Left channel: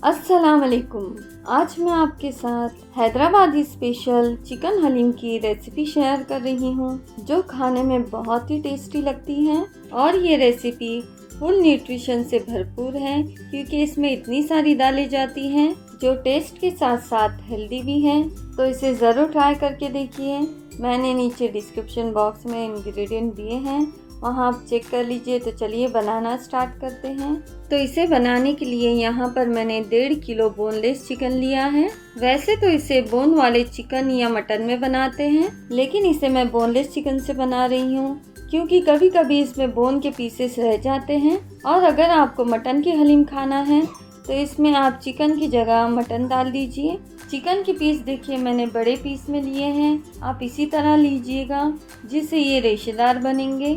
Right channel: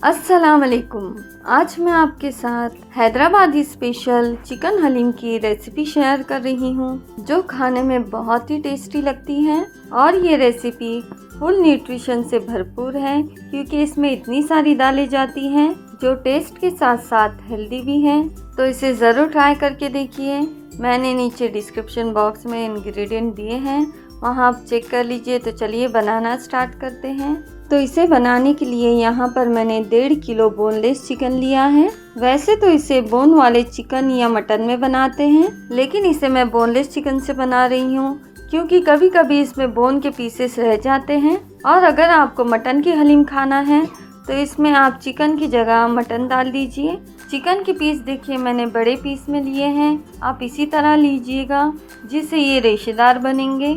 अस्सलाम वालेकुम। आज मैं आपके साथ हैदराबादी स्पेशल चिकन हलीम की रेसिपी शेयर कर रही हूँ, जो खाने में बहुत ही टेस्टी लगती है। और ये रेसिपी फुल न्यूट्रिशन से भरपूर है, क्योंकि इसमें इतनी सारी डाली जाती हैं जो टेस्ट के साथ साथ हेल्दी भी हैं। तो इसे ज़रूर ट्राई करके देखिए। मैंने नीचे डिस्क्रिप्शन बॉक्स में इंग्रेडिएंट दिए हैं, वहाँ आप चेक कर लीजिए। तो चलिए बनाना स्टार्ट करते हैं। तो इसे बनाने के लिए यहाँ पर मैंने 1.5 किलो बोनलेस चिकन लिया है। वैसे तो इसे बोन वाले चिकन या मटन में बनाते हैं, लेकिन इसे मैं बोनलेस चिकन से बना रही हूँ, क्योंकि कभी कभी इसमें बोन के पीसेस रह जाते हैं। और अगर आपको मटन की हलीम खाना है तो इसमें आप चिकन की जगह मटन डाल दीजिए। चिकन के पीस देखिए मैंने बड़े पीस में लिए हैं, आप इसी तरह लीजिएगा जिससे ये रेशेदार बनेंगे।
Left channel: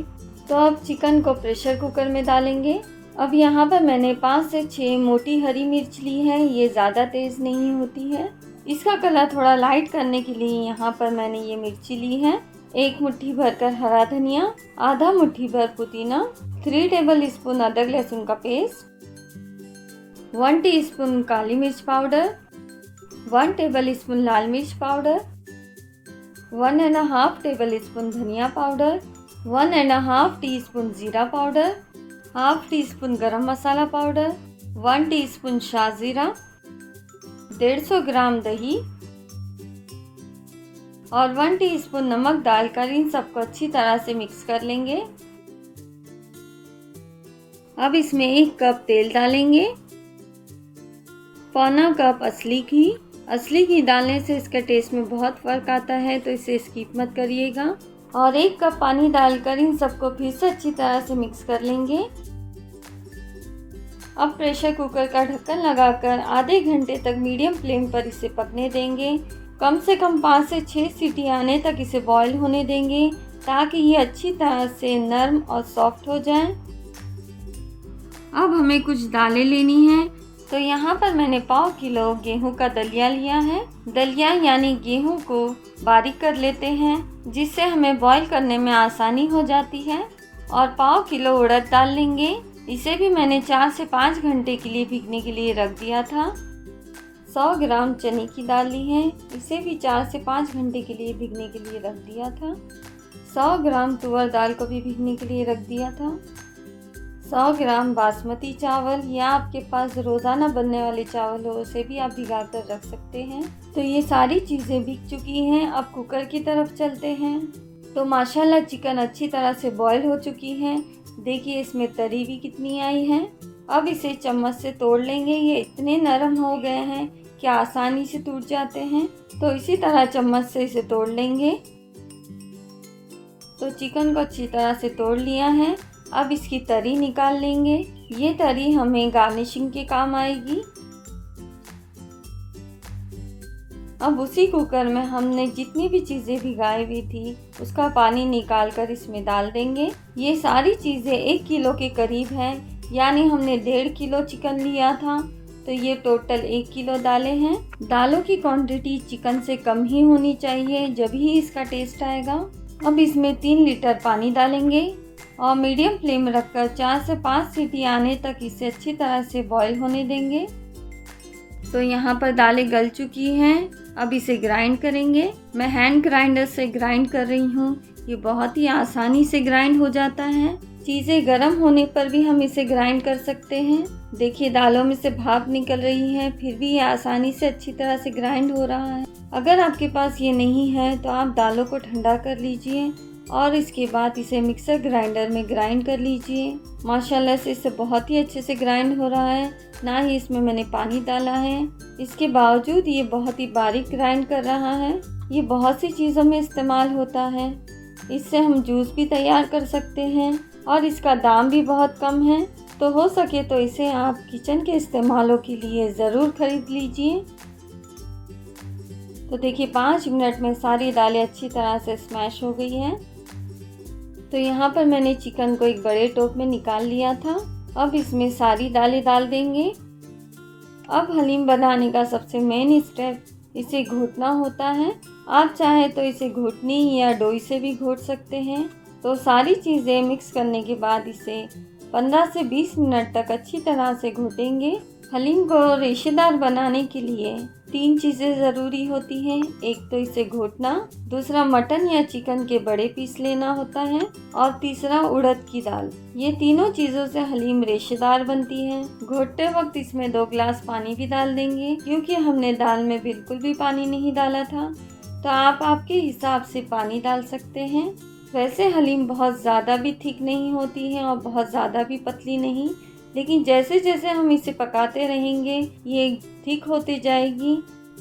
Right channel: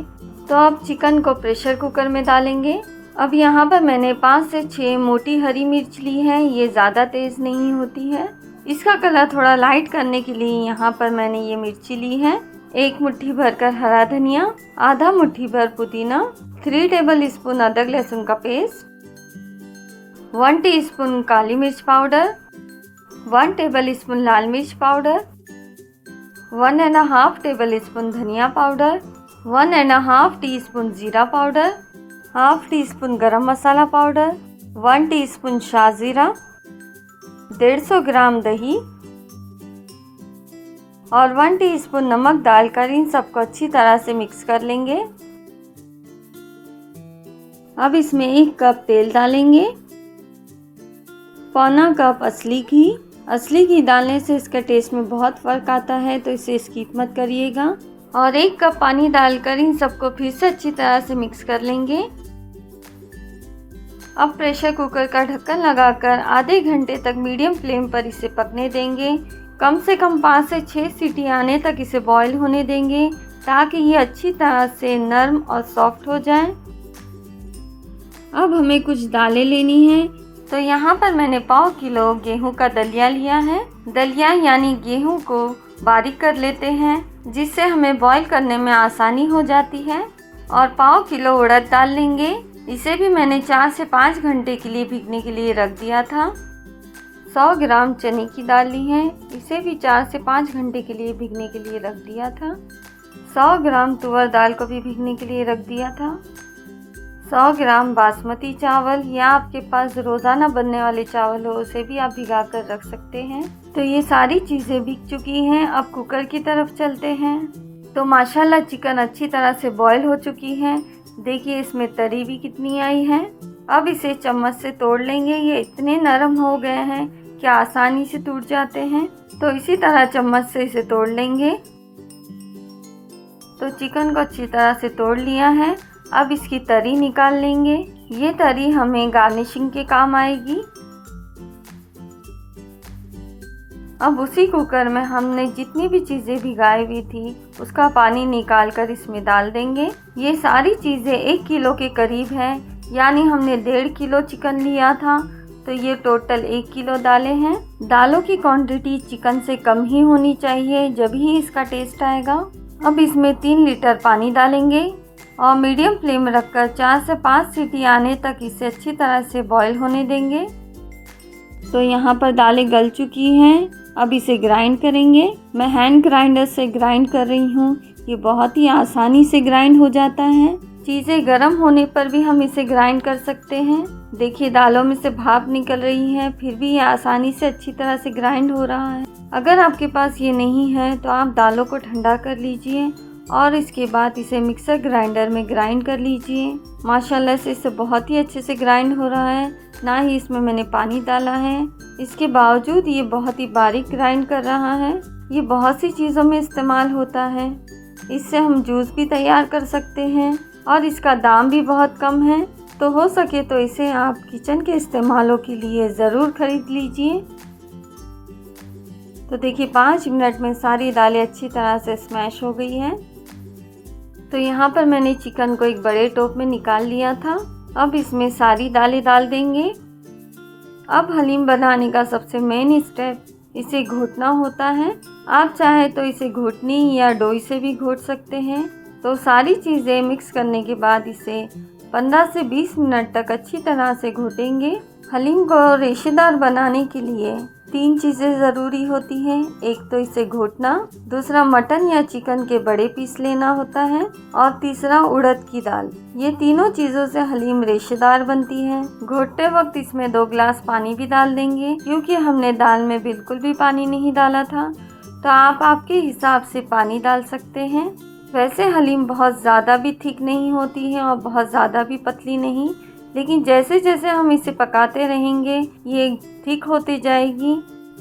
तो अब चिकन को प्रेशर कुकर में डालेंगे। अब यहाँ पर मैंने 5 से 6 मोटी हरी मिर्च ली है, ये ज़्यादा तेज़ नहीं होती है। इसका कलर थोड़ा लाइट करने के लिए यहाँ पर मैंने ये मिर्ची ली है। 1 मुट्ठी भरकर हरा धनिया, आधा मुट्ठी भर पुदीना, 3 टेबल स्पून अदरक लहसुन का पेस्ट, 1 टीस्पून काली मिर्च पाउडर, 1 टेबल स्पून लाल मिर्च पाउडर, 1½ टेबल स्पून धनिया पाउडर, 1½ टीस्पून जीरा पाउडर, हाफ टी स्पून गरम मसाला पाउडर, 1 टीस्पून शाहजीरा, 150 ग्राम दही और 1 टीस्पून नमक डालकर इन सबको अच्छी तरह से मिक्स कर लेंगे। अब इसमें 1 कप तेल डालेंगे, पौना कप असली घी। असली घी डालने से इसका टेस्ट में बहुत फ़र्क आता है, तो इसे स्किप मत करिएगा। और 1 कप पानी डालकर इन सबको फिर से अच्छी तरह से मिक्स कर लेंगे। अब प्रेशर कुकर का ढक्कन लगाकर आधे घंटे तक मीडियम फ्लेम पर इसे पकने देंगे। कम से कम 5 से 6 सीटी आने तक इसे बॉईल होने देंगे, ताकि ये अच्छी तरह से नरम और सॉफ्ट हो जाए। अब हमें कुछ दालें लेनी हैं। तो यहाँ पर मैंने 1/4 किलो गेहूं का दलिया लिया है। दलिया यानी गेहूं को बारीक कर लेते हैं, जिससे हमें बॉईल करने में आसानी हो जाती है। और 1/4 किलो उड़द दाल लेंगे। इसे भी मैंने 4 से 5 घंटे के लिए भीगने के लिए रख दिया था। 100 ग्राम चने की दाल ली है, इसे भी 4 से 5 घंटे के लिए भीगने के लिए रख दिया था। 100 ग्राम तुअर दाल को भी भीगने के लिए रख दिया था। 100 ग्राम बासमती चावल, या आपके पास रोज़ाना बनने वाले चावल हो उसे भी आप भिगा कर रख सकते हैं। तो ये सारी चीज़ें भीग चुकी हैं। अब कुकर की तरफ चलते हैं। तो माशाल्लाह चिकन अच्छी तरह से बॉईल हो चुकी है। देखिए इसमें तरी भी कितनी आई है। अब इसे चम्मच से तोड़ लेंगे। ये इतने नरम हो गए हैं कि आसानी से टूट जाते हैं। तो इसी तरह चम्मच से इसे तोड़ लेंगे। तो चिकन को अच्छी तरह से तोड़ लिया है। अब इसकी तरी निकाल लेंगे। ये तरी हमें गार्निशिंग के काम आएगी। अब उसी कुकर में हमने जितनी भी चीज़ें भिगाई हुई थी उसका पानी निकाल कर इसमें डाल देंगे। ये सारी चीज़ें 1 किलो के करीब हैं, यानी हमने 1.5 किलो चिकन लिया था, तो ये टोटल 1 किलो दालें हैं। दालों की क्वांटिटी चिकन से कम ही होनी चाहिए, जब ही इसका टेस्ट आएगा। अब इसमें 3 लीटर पानी डालेंगे और मीडियम फ्लेम रखकर 4 से 5 सीटी आने तक इसे अच्छी तरह से बॉईल होने देंगे। तो यहाँ पर दालें गल चुकी हैं। अब इसे ग्राइंड करेंगे। मैं हैंड ग्राइंडर से ग्राइंड कर रही हूँ। ये बहुत ही आसानी से ग्राइंड हो जाता है। चीज़ें गर्म होने पर भी हम इसे ग्राइंड कर सकते हैं। देखिए दालों में से भाप निकल रही है, फिर भी ये आसानी से अच्छी तरह से ग्राइंड हो रहा है। अगर आपके पास ये नहीं है तो आप दालों को ठंडा कर लीजिए और इसके बाद इसे मिक्सर ग्राइंडर में ग्राइंड कर लीजिए। माशाल्लाह से इसे बहुत ही अच्छे से ग्राइंड हो रहा है, ना ही इसमें मैंने पानी डाला है। इसके बावजूद ये बहुत ही बारीक ग्राइंड कर रहा है। ये बहुत सी चीज़ों में इस्तेमाल होता है। इससे हम जूस भी तैयार कर सकते हैं और इसका दाम भी बहुत कम है। तो हो सके तो इसे आप किचन के इस्तेमालों के लिए ज़रूर खरीद लीजिए। तो देखिए 5 मिनट में सारी दालें अच्छी तरह से स्मैश हो गई हैं। तो यहाँ पर मैंने चिकन को एक बड़े टोप में निकाल लिया था। अब इसमें सारी दालें डाल देंगे। अब हलीम बनाने का सबसे मेन स्टेप इसे घोटना होता है। आप चाहे तो इसे घोटनी या डोई से भी घोट सकते हैं। तो सारी चीज़ें मिक्स करने के बाद इसे 15 से 20 मिनट तक अच्छी तरह से घोटेंगे। हलीम को रेशेदार बनाने के लिए 3 चीज़ें ज़रूरी होती हैं। एक तो इसे घोटना, दूसरा मटन या चिकन के बड़े पीस लेना होता है और तीसरा उड़द की दाल। ये तीनों चीज़ों से हलीम रेशेदार बनती है। घोटते वक्त इसमें 2 गिलास पानी भी डाल देंगे, क्योंकि हमने दाल में बिल्कुल भी पानी नहीं डाला था। तो आप आपके हिसाब से पानी डाल सकते हैं। वैसे हलीम बहुत ज़्यादा भी थिक नहीं होती है और बहुत ज़्यादा भी पतली नहीं, लेकिन जैसे जैसे हम इसे पकाते रहेंगे ये थिक होती जाएगी,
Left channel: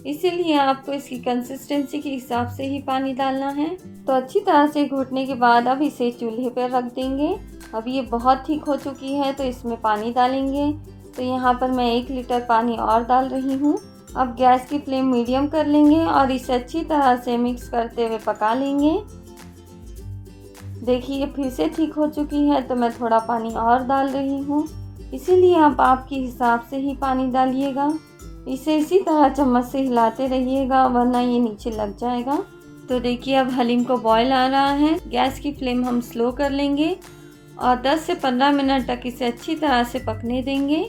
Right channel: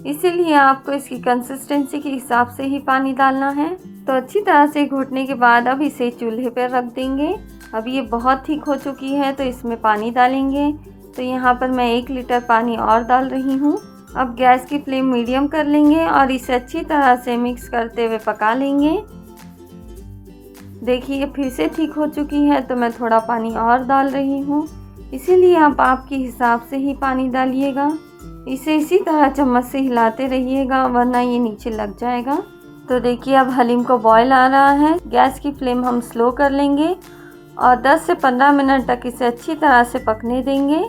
इसीलिए आपको इसकी कंसिस्टेंसी के हिसाब से ही पानी डालना है। तो अच्छी तरह से घोटने के बाद अब इसे चूल्हे पर रख देंगे। अब ये बहुत थिक हो चुकी है तो इसमें पानी डालेंगे। तो यहाँ पर मैं 1 लीटर पानी और डाल रही हूँ। अब गैस की फ्लेम मीडियम कर लेंगे और इसे अच्छी तरह से मिक्स करते हुए पका लेंगे। देखिए ये फिर से ठीक हो चुकी है तो मैं थोड़ा पानी और डाल रही हूँ, इसीलिए आप आपके हिसाब से ही पानी डालिएगा। इसे इसी तरह चम्मच से हिलाते रहिएगा वरना ये नीचे लग जाएगा। तो देखिए अब हलीम को बॉयल आ रहा है। गैस की फ्लेम हम स्लो कर लेंगे और 10 से 15 मिनट तक इसे अच्छी तरह से पकने देंगे।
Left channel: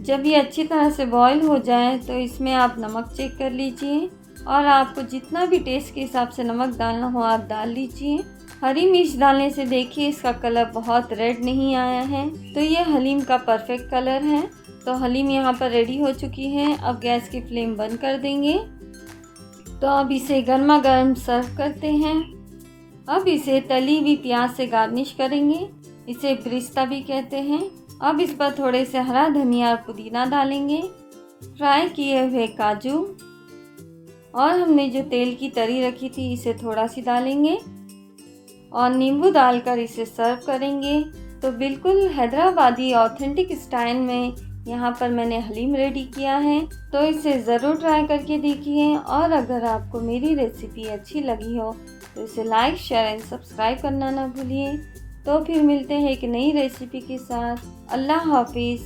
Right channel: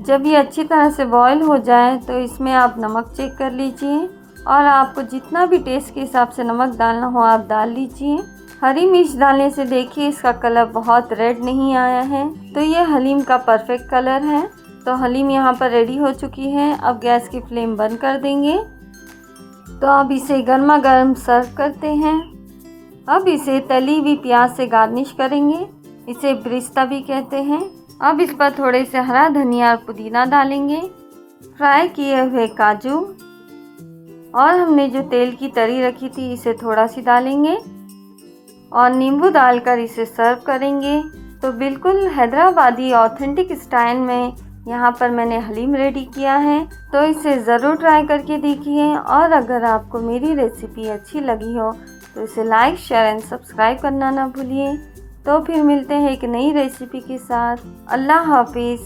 जब ये अच्छी तरह से बॉयल हो जाए तो इसमें आप नमक चेक कर लीजिए और आपको जितना भी टेस्ट के हिसाब से नमक डालना हो आप डाल लीजिए। हरी मिर्च डालने से देखिए इसका कलर बहुत रेड नहीं आया है, तो ये हलीम का परफेक्ट कलर है। तो हलीम यहाँ पर रेडी हो चुकी है। अब गैस की फ्लेम बंद कर देंगे। तो अब इसे गर्मा गर्म सर्व करते हैं। अब इसे तली हुई प्याज से गार्निश करेंगे, इसे ब्रिस्ता भी कहते हैं। अब इस पर थोड़े से हरा धनिया और पुदीना डालेंगे, फ्राई किए हुए काजू और हमने जो तेल की तरी रखी थी इसे थोड़ा सी डालेंगे और नींबू डालकर इसे सर्व करेंगे। तो बिल्कुल हैदराबादी ऑथेंटिक स्टाइल में यहाँ पर मैंने हलीम रेडी किया है। तो इसे ज़रूर ट्राई करके देखिए और अगर आपको मेरी रेसिपी अच्छी लगी हो तो इसे लाइक, शेयर एंड सब्सक्राइब करना ना भूलिए। तो फिर मिलते हैं एक नई रेसिपी के साथ। अल्लाह हाफिज़।